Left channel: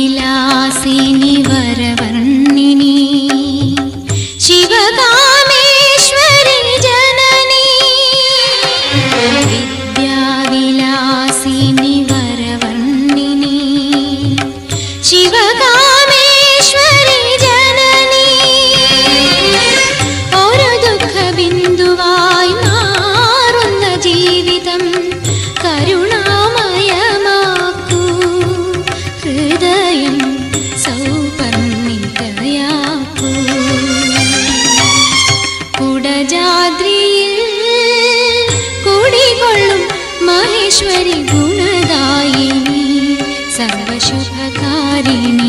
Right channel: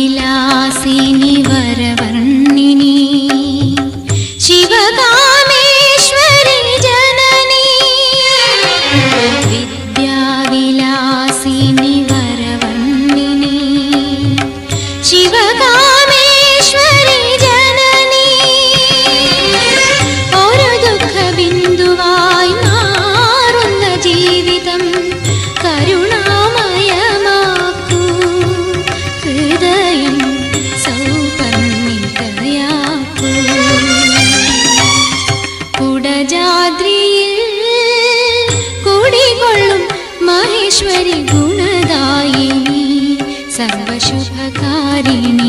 വിദ്യാവിലാസിനി വരവർണ്ണിനി ശിവകാമേശ്വരി ജനനി വിദ്യാവിലാസിനി വരവർണ്ണിനി ശിവകാമേശ്വരി ജനനി ഒരു ദുഃഖബിന്ദുവായി മാറുന്ന ജീവിതം കരുണാമയമാക്കൂ ഹൃദയം സൗപർണികയാക്കൂ കുടജാദ്രിയിൽ കുടികൊള്ളും മഹേശ്വരി ഗുണദായിനി സർവശുഭകാരിണി